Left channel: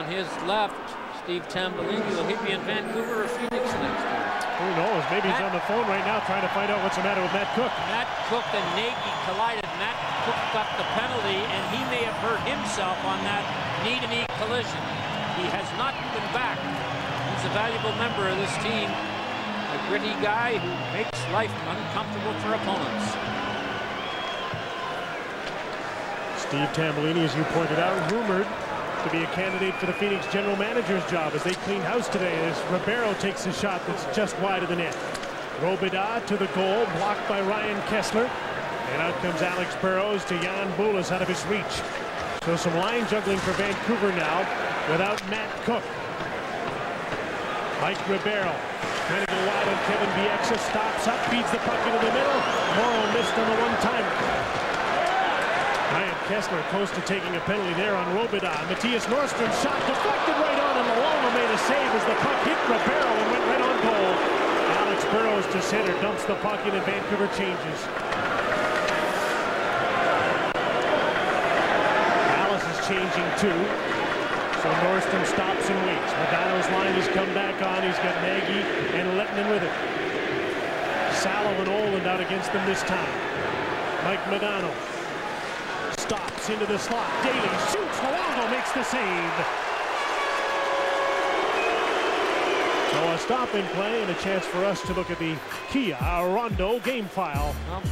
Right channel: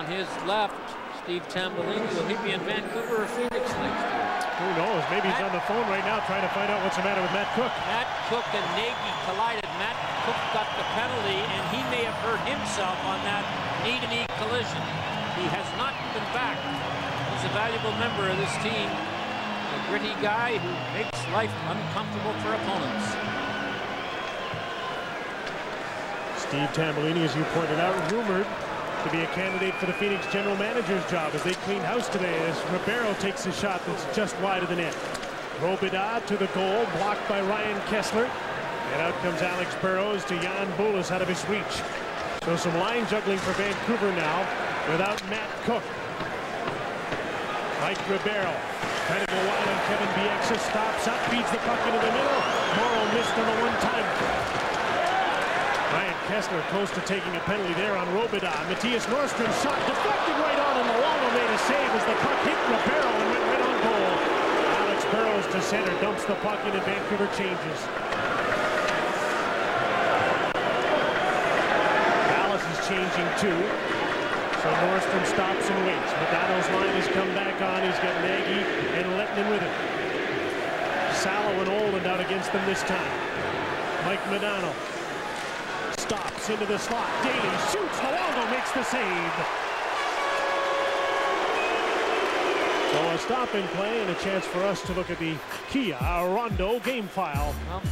On his left, Steve Tambellini. Will he be in Vancouver or Phoenix next year? Who knows? Maybe he's on the phone right now trying to find out what's the matter with Matt Cooke. Matt Cooke and Nagy collided. Matt Cooke got the penalty, and he may have hurt himself on that knee-to-knee collision. He has not been back. He's a valuable member of this team. A gritty guy who makes life uncomfortable for opponents. Steve Tambellini, as you pointed out, rumored to be a candidate for the Phoenix general manager's job as they cleaned house today as Ribeiro takes a shot that's just wide of the net. Robida to the goal, blocked by Ryan Kesler. And out comes Alex Burrows to Jan Bulis out of his reach. So some line juggling for Vancouver now without Matt Cooke. Mike Ribeiro trying to go wide on Kevin Bieksa, stops up, feeds the puck into the middle. Morrow missed on the one-timer. Ryan Kesler close to taking a penalty there on Robida. Matthias Nordstrom's shot deflected right on, and Luongo made a save as the puck hit Ribeiro and went right on goal. Alex Burrows to center, dumps the puck in, and Vancouver changes. Dallas is changing too. So Nordstrom stops and waits. Modano's line has come back on. He's got Nagy and Lettinen with it. Salo and Oland out against them this time. Mike Modano stops into the slot. Daly shoots. Luongo makes the save. So a stop in play and a chance for us to look at the Kia Rondo game file. Well,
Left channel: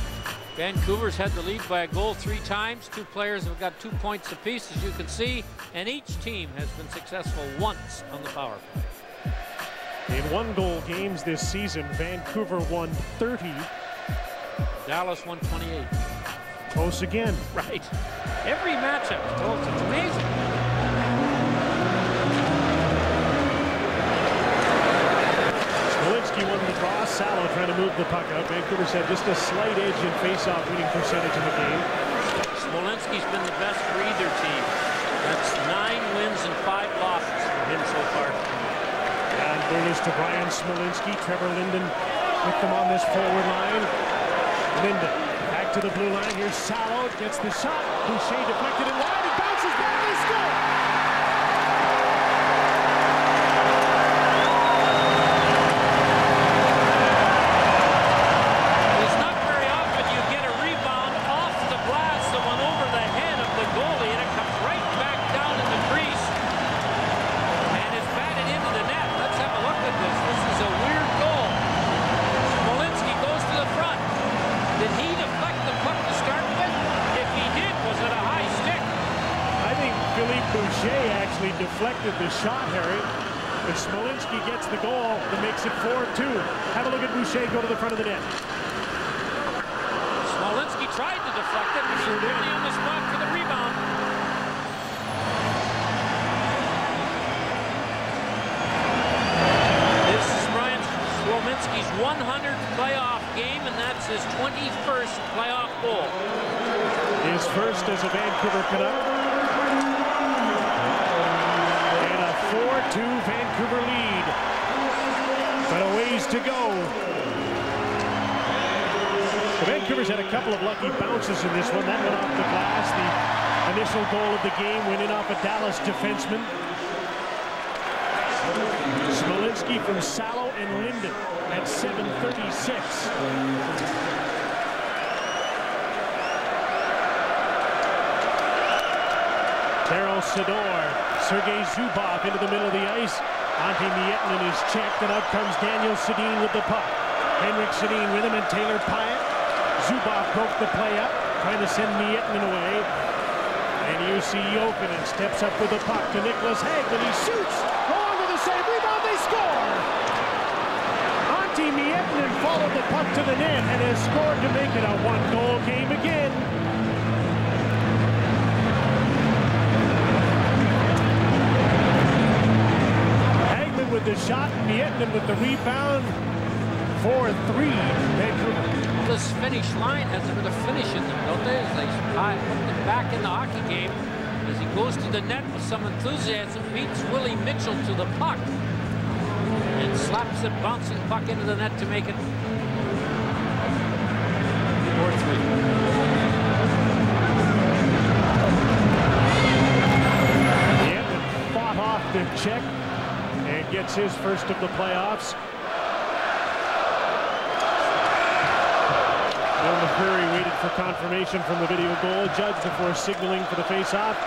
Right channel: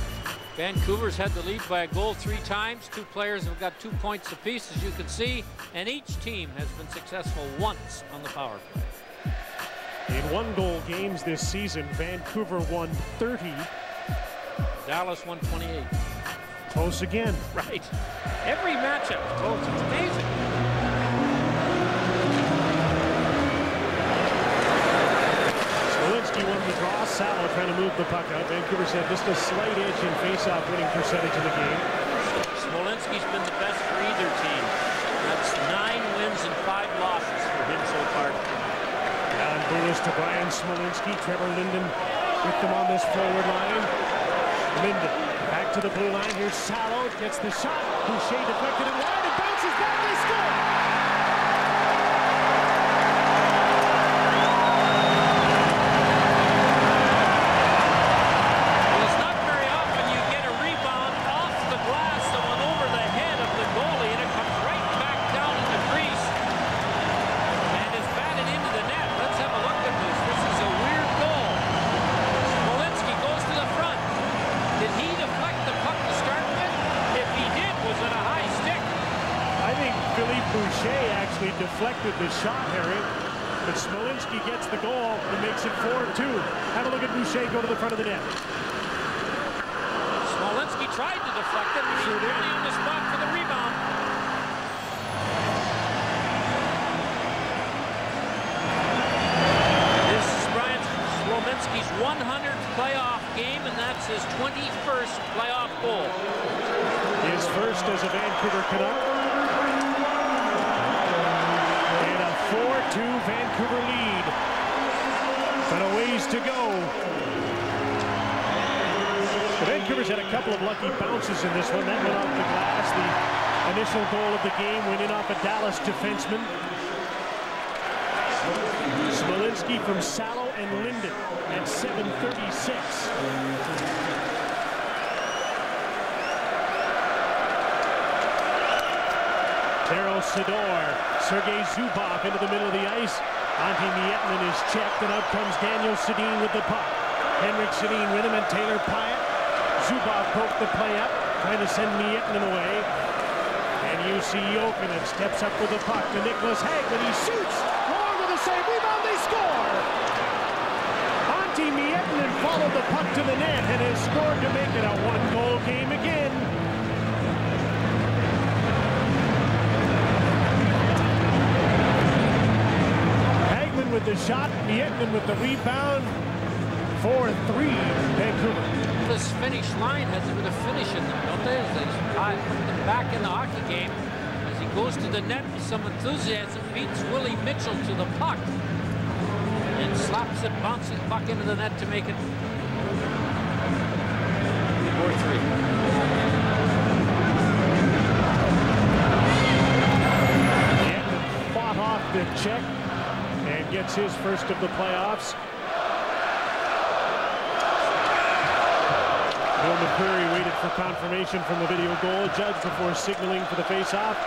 Vancouver's had the lead by a goal 3 times. 2 players have got 2 points apiece, as you can see, and each team has been successful once on the power play. In 1-goal games this season, Vancouver won 30. Dallas won 28. Close again. Right. Every matchup's close. It's amazing. Smolinski won the draw. Salo trying to move the puck out. Vancouver's had just a slight edge in face-off winning percentage in the game. Smolinski's been the best for either team. That's 9 wins and 5 losses for him so far tonight. Jan Bulis to Brian Smolinski. Trevor Linden with them on this forward line. Linden back to the blue line. Here's Salo. Gets the shot. Boucher deflected it wide. It bounces back. They score. Well, it's not very often you get a rebound off the glass that went over the head of the goalie, and it comes right back down in the crease and is batted into the net. Let's have a look at this. This is a weird goal. Smolinski goes to the front. Did he deflect the puck to start with? If he did, was it a high stick? I think Philippe Boucher actually deflected the shot, Harry. But Smolinski gets the goal that makes it 4-2. Have a look at Boucher go to the front of the net. Smolinski tried to deflect it, but he's really on the spot for the rebound. This is Brian Smolinski's 100th playoff game, and that's his 21st playoff goal. His first as a Vancouver Canuck. And a 4-2 Vancouver lead. But a ways to go. The Vancouver's had a couple of lucky bounces in this one. That went off the glass. The initial goal of the game went in off a Dallas defenseman. Smolinski from Salo and Linden at 7:36. Daryl Sador, Sergei Zubov into the middle of the ice. Antti Miettinen is checked, and out comes Daniel Sedin with the puck. Henrik Sedin with him, and Taylor Pyatt. Zubov broke the play up, trying to send Miettinen away. And Jussi Jokinen steps up with the puck to Nicholas Hagman. He shoots. Luongo the save. Rebound. They score. Antti Miettinen followed the puck to the net and has scored to make it a 1-goal game again. Hagman with the shot. Miettinen with the rebound. 4-3 Vancouver. Well, this Finnish line has a bit of finish in them, don't they? As they put them back in the hockey game. As he goes to the net with some enthusiasm, beats Willie Mitchell to the puck. And slaps it, bouncing puck into the net to make it 4-3. Miettinen fought off the check and gets his first of the playoffs. Bill McCreary waited for confirmation from the video goal judge before signaling for the face-off.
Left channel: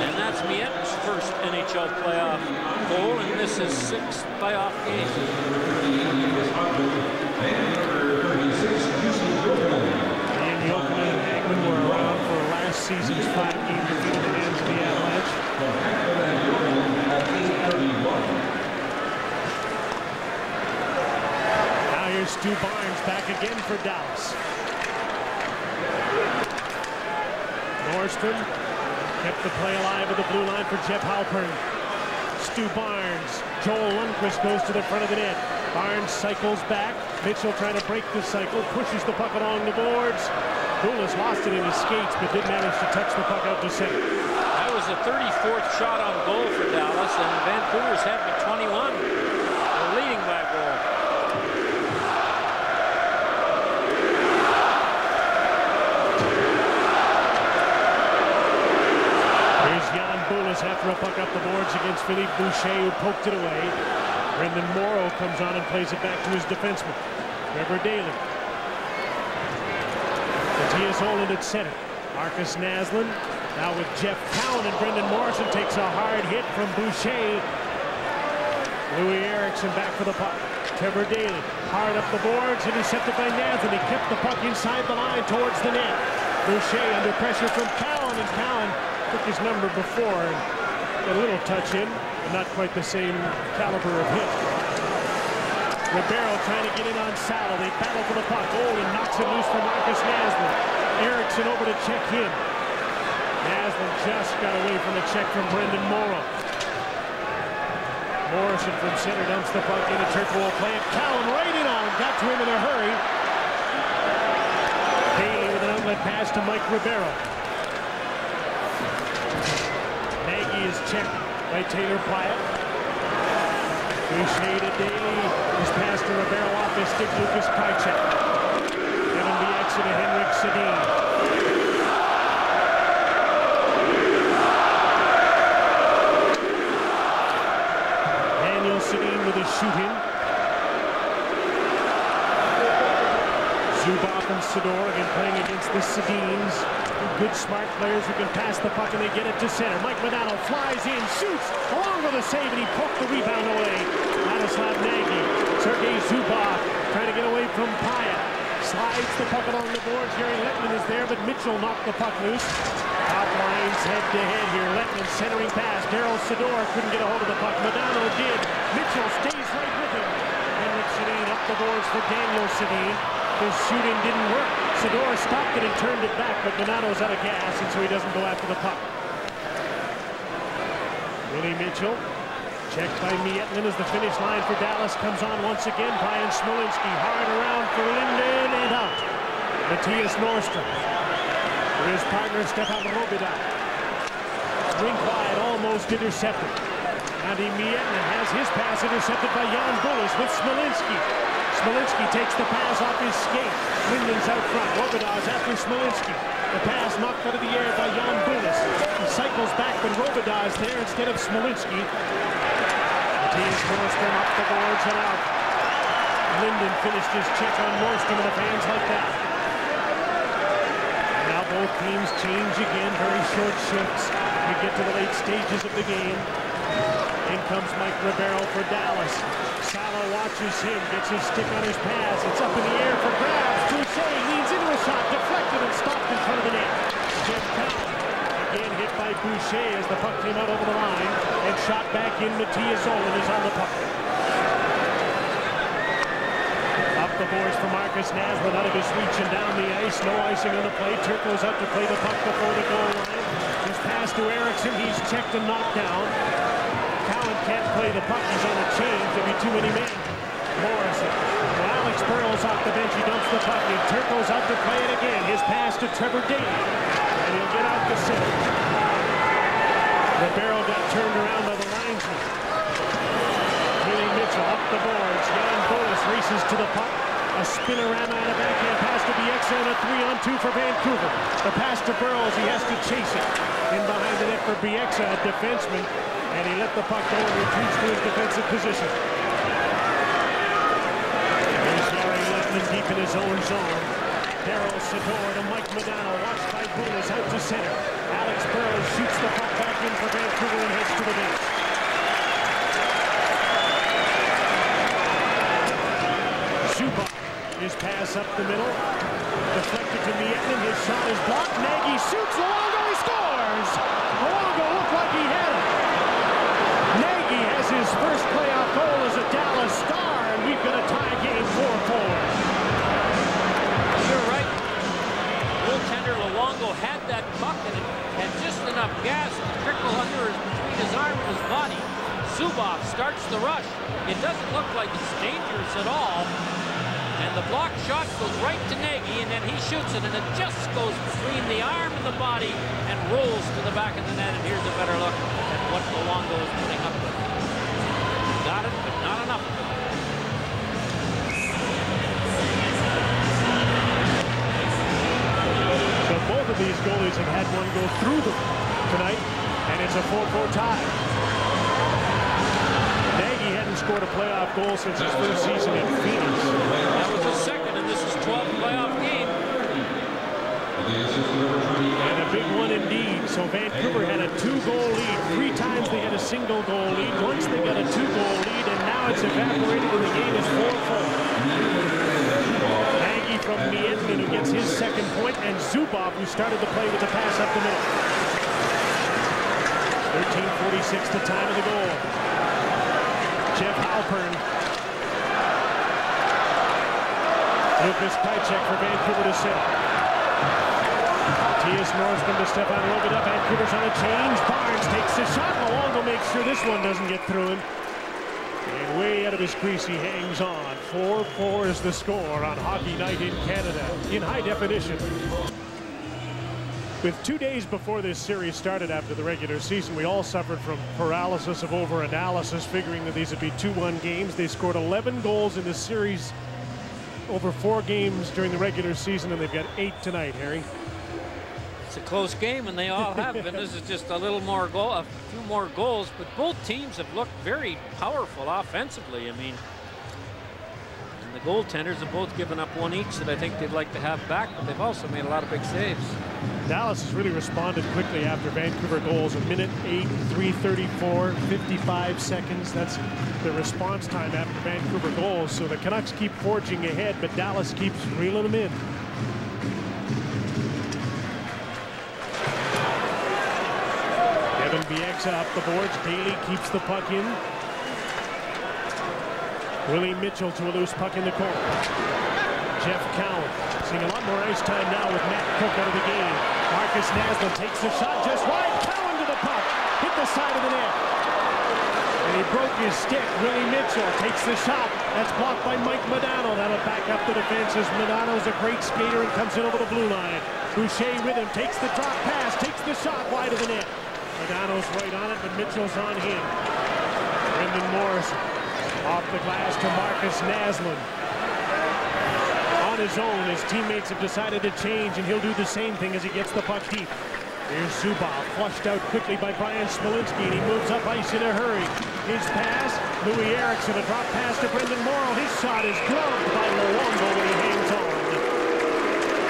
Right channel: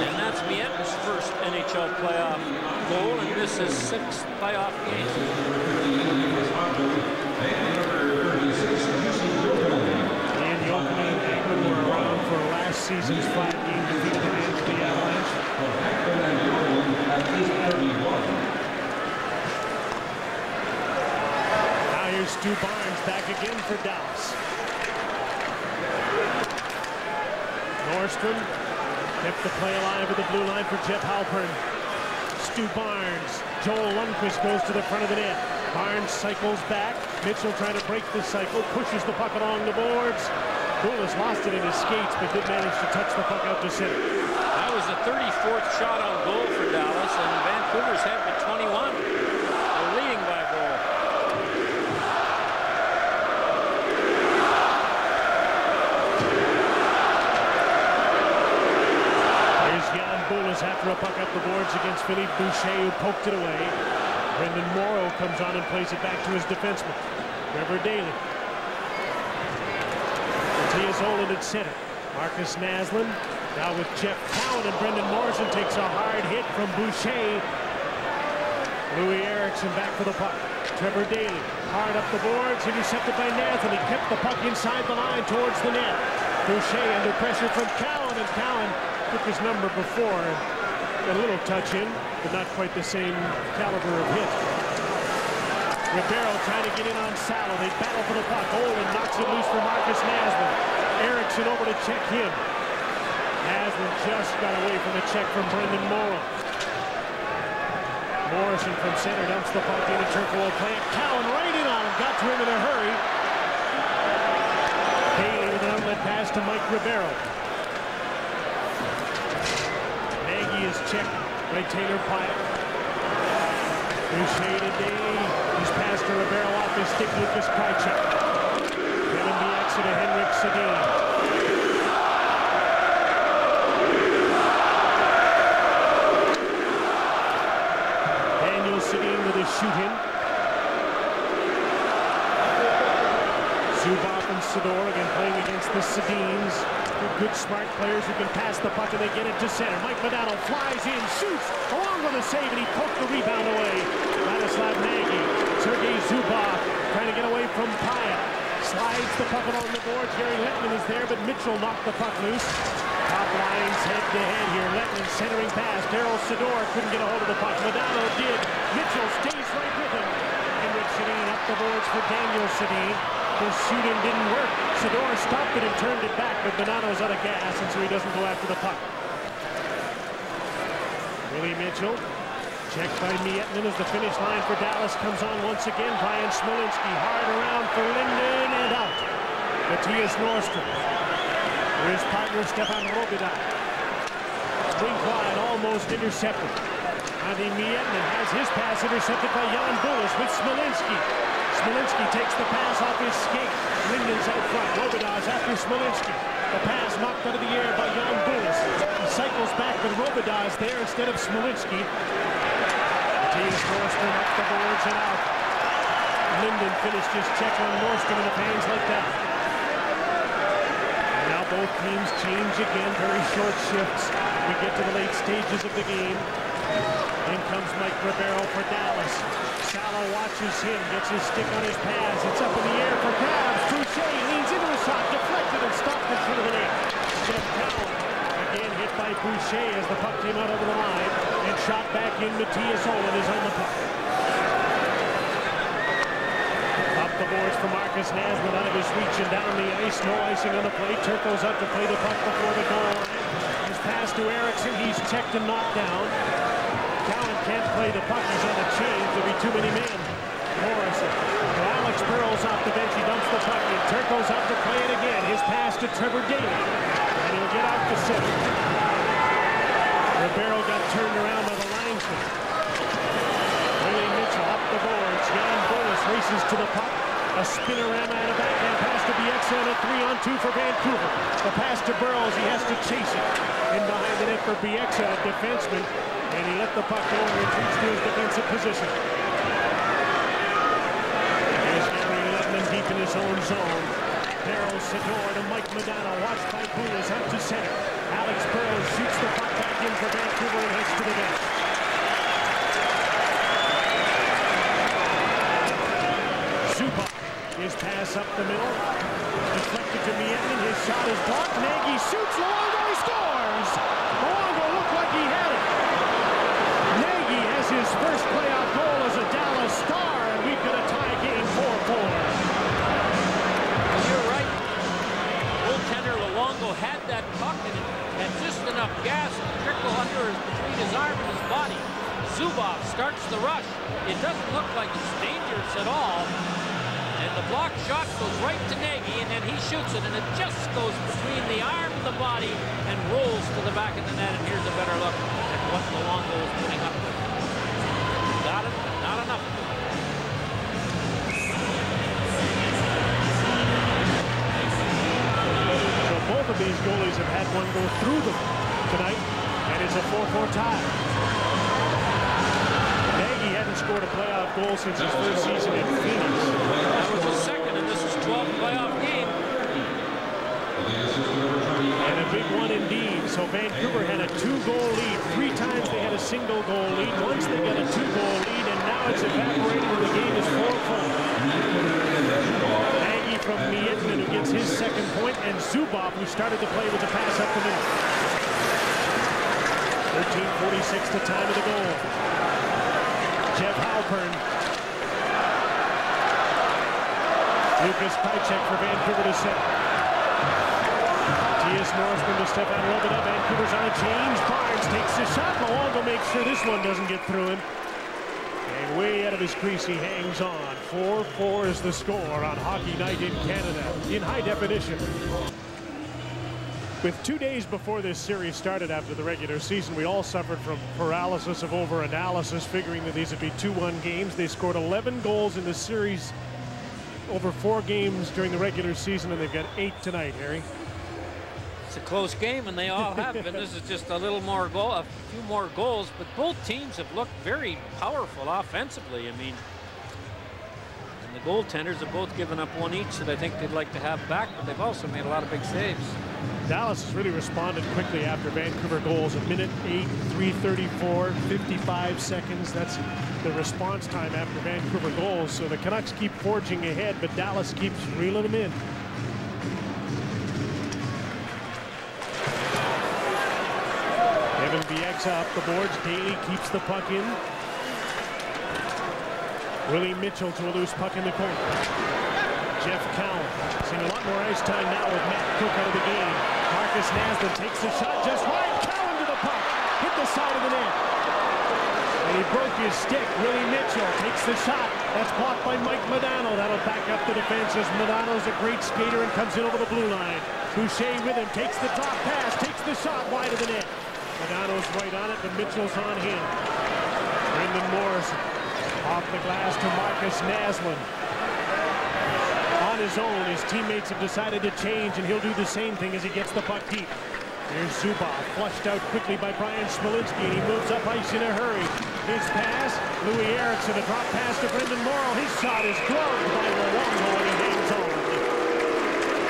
And that's Mietten's first NHL playoff goal, and this is his 6th playoff game. Ian Jokinen and Hagman were around for last season's 5-game defeat at the hands of the Avalanche. Now here's Stu Barnes back again for Dallas. Nordstrom kept the play alive at the blue line for Jeff Halpern. Stu Barnes. Joel Lundqvist goes to the front of the net. Barnes cycles back. Mitchell trying to break the cycle, pushes the puck along the boards. Boulis lost it in his skates, but did manage to touch the puck out to center. That was the 34th shot on goal for Dallas, and Vancouver's had but 21. But they're leading by a goal. Here's Jan Boulis after a puck up the boards against Philippe Boucher, who poked it away. Brendan Morrow comes on and plays it back to his defenseman, Trevor Daley. Matthias Ohlund at center. Marcus Naslund now with Jeff Cowan, and Brendan Morrison takes a hard hit from Boucher. Louis Eriksson back for the puck. Trevor Daley hard up the boards, intercepted by Naslund. He kept the puck inside the line towards the net. Boucher under pressure from Cowan, and Cowan took his number before and got a little touch in, but not quite the same caliber of hit. Ribeiro trying to get in on Salo. They battle for the puck. Ohlund knocks it loose for Marcus Naslund. Eriksson over to check him. Naslund just got away from a check from Brendan Morrow. Morrison from center dumps the puck in, and Turco will play it. Cowan right in on him. Got to him in a hurry. Daley with an outlet pass to Mike Ribeiro. Nagy is checked by Taylor Pyatt. Boucher to Daley. His pass to Ribeiro off his stick. Lucas Krejcik. Kevin Bieksa to Henrik Sedin. Daniel Sedin with a shoot-in. Zubov and Sidor again playing against the Sedins. Two good, smart players who can pass the puck, and they get it to center. Mike Modano flies in, shoots, along with a save, and he poked the rebound away. Ladislav Nagy. Sergei Zubov trying to get away from Pyatt. Slides the puck along the boards. Jere Lehtinen is there, but Mitchell knocked the puck loose. Top lines head-to-head here. Lehtinen centering pass. Daryl Sidor couldn't get a hold of the puck. Modano did. Mitchell stays right with him. Henrik Sedin up the boards for Daniel Sedin. His shoot-in didn't work. Sidor stopped it and turned it back, but Bonanno's out of gas, and so he doesn't go after the puck. Willie Mitchell, checked by Miettinen as the finish line for Dallas comes on once again. Brian Smolinski hard around for Linden and out. Matthias Nordstrom to his partner Stefan Robida. Rink wide, almost intercepted. Antti Miettinen has his pass intercepted by Jan Boulis with Smolinski. Smolinski takes the pass off his skate. Linden's out front. Robidas after Smolinski. The pass knocked out of the air by Jan Boulis. He cycles back, but Robidas there instead of Smolinski. Matthias Nordstrom up the boards and out. Linden finished his check on Nordstrom, and the fans like that. And now both teams change again. Very short shifts. We get to the late stages of the game. In comes Mike Ribeiro for Dallas. Salo watches him, gets his stick on his pass. It's up in the air for grabs. Boucher leans into a shot, deflected and stopped in front of the net. Jeff Cowan again hit by Boucher as the puck came out over the line, and shot back in. Matthias Ohlund is on the puck. Up the boards for Marcus Naslund, out of his reach and down the ice. No icing on the play. Turco's out to play the puck before the goal line. His pass to Eriksson. He's checked and knocked down. Cowan can't play the puck. He's on a change. There'll be too many men. Morrison to Alex Burrows off the bench. He dumps the puck in. Turco's out to play it again. His pass to Trevor Daley. And he'll get out to center. Ribeiro got turned around by the linesman. Willie Mitchell up the boards. Jan Boulis races to the puck. A spinorama and a backhand pass to Bieksa, and a 3-on-2 for Vancouver. The pass to Burrows. He has to chase it. In behind the net for Bieksa, a defenseman. And he let the puck go and retreats to his defensive position. Here's Jari Lehtinen deep in his own zone. Darryl Sydor to Mike Modano, watched by Bulis, out to center. Alex Burrows shoots the puck back in for Vancouver and heads to the bench. Zubov, his pass up the middle. Deflected to Miettinen, his shot is blocked. Nagy shoots, Luongo, he scores! Luongo looked like he had it. Nagy has his first playoff goal as a Dallas Star, and we've got a tie game 4-4. Well, you're right. Goaltender Luongo had that puck, and it had just enough gas to trickle between his arm and his body. Zubov starts the rush. It doesn't look like it's dangerous at all. And the block shot goes right to Nagy, and then he shoots it, and it just goes between the arm and the body and rolls to the back of the net. And here's a better look at what Luongo is putting up with. Got it, but not enough of it. So both of these goalies have had one go through them tonight, and it's a 4-4 tie. Nagy hadn't scored a playoff goal since his first season in Phoenix. That was his second, and this is 12th playoff game. And a big one indeed. So Vancouver had a 2-goal lead. 3 times they had a single-goal lead. Once they got a 2-goal lead, and now it's evaporated, and the game is 4-4. Nagy from Miettinen, who gets his second point, and Zubov, who started the play with the pass up the middle. 13:46 the time of the goal. Jeff Halpern. Lukas Krejcik for Vancouver to center. Matthias Nordstrom to Stefan Robidas. Vancouver's on a change. Barnes takes the shot. Luongo makes sure this one doesn't get through him. And way out of his crease, he hangs on. 4-4 is the score on Hockey Night in Canada in high definition. With 2 days before this series started after the regular season, we all suffered from paralysis of over-analysis, figuring that these would be 2-1 games. They scored 11 goals in the series over 4 games during the regular season, and they've got 8 tonight, Harry. It's a close game, and they all have been. This is just a little more goal, a few more goals, but both teams have looked very powerful offensively. I mean, and the goaltenders have both given up one each that I think they'd like to have back, but they've also made a lot of big saves. Dallas has really responded quickly after Vancouver goals. 1:08, 3:34, 55 seconds. That's the response time after Vancouver goals. So the Canucks keep forging ahead, but Dallas keeps reeling them in. Kevin Bieksa up the boards. Daly keeps the puck in. Willie Mitchell to a loose puck in the corner. Jeff Cowan seeing a lot more ice time now with Matt Cook out of the game. Marcus Naslund takes the shot just wide. Cowan to the puck. Hit the side of the net. And he broke his stick. Willie Mitchell takes the shot. That's blocked by Mike Modano. That'll back up the defense as Modano's a great skater and comes in over the blue line. Boucher with him. Takes the drop pass. Takes the shot wide of the net. Modano's right on it, but Mitchell's on him. Brendan Morrison off the glass to Marcus Naslund. On his own, his teammates have decided to change, and he'll do the same thing as he gets the puck deep. Here's Zubov, flushed out quickly by Brian Smolinski, and he moves up ice in a hurry. His pass, Louis Eriksson, a drop pass to Brendan Morrow. His shot is gloved by Luongo, and he hangs on.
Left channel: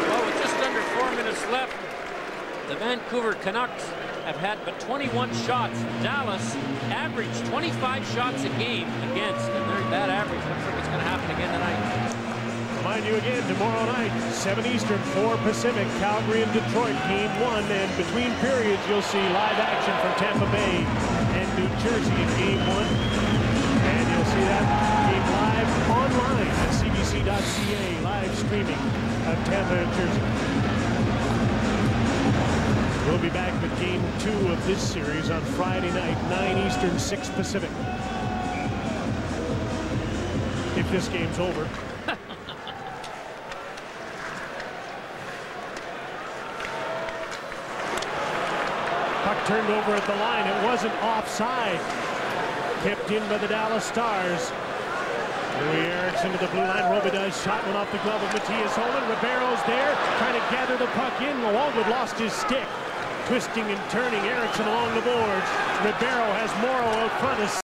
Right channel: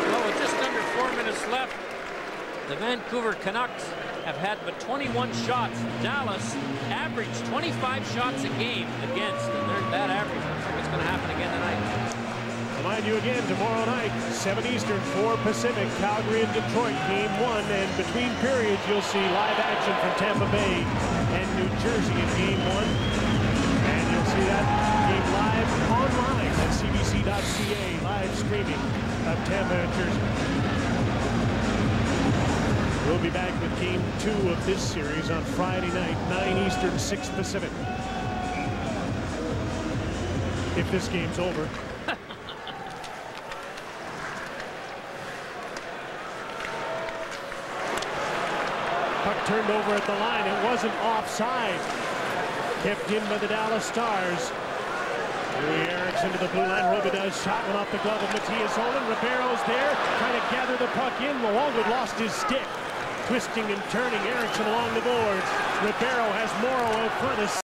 Well, with just under 4 minutes left, the Vancouver Canucks have had but 21 shots, and Dallas averaged 25 shots a game against, and that average looks like it's going to happen again tonight. Remind you again, tomorrow night, 7 Eastern, 4 Pacific, Calgary and Detroit, Game 1. And between periods, you'll see live action from Tampa Bay and New Jersey in Game 1. And you'll see that game live online at cbc.ca, live streaming of Tampa and Jersey. We'll be back with Game 2 of this series on Friday night, 9 Eastern, 6 Pacific. If this game's over. Puck turned over at the line. It wasn't offside. Kept in by the Dallas Stars. Louis Eriksson to the blue line. Robidas shot went off the glove of Matthias Olin. Ribeiro's there trying to gather the puck in. Luongo lost his stick. Twisting and turning Eriksson along the boards. Ribeiro has Morrow out front.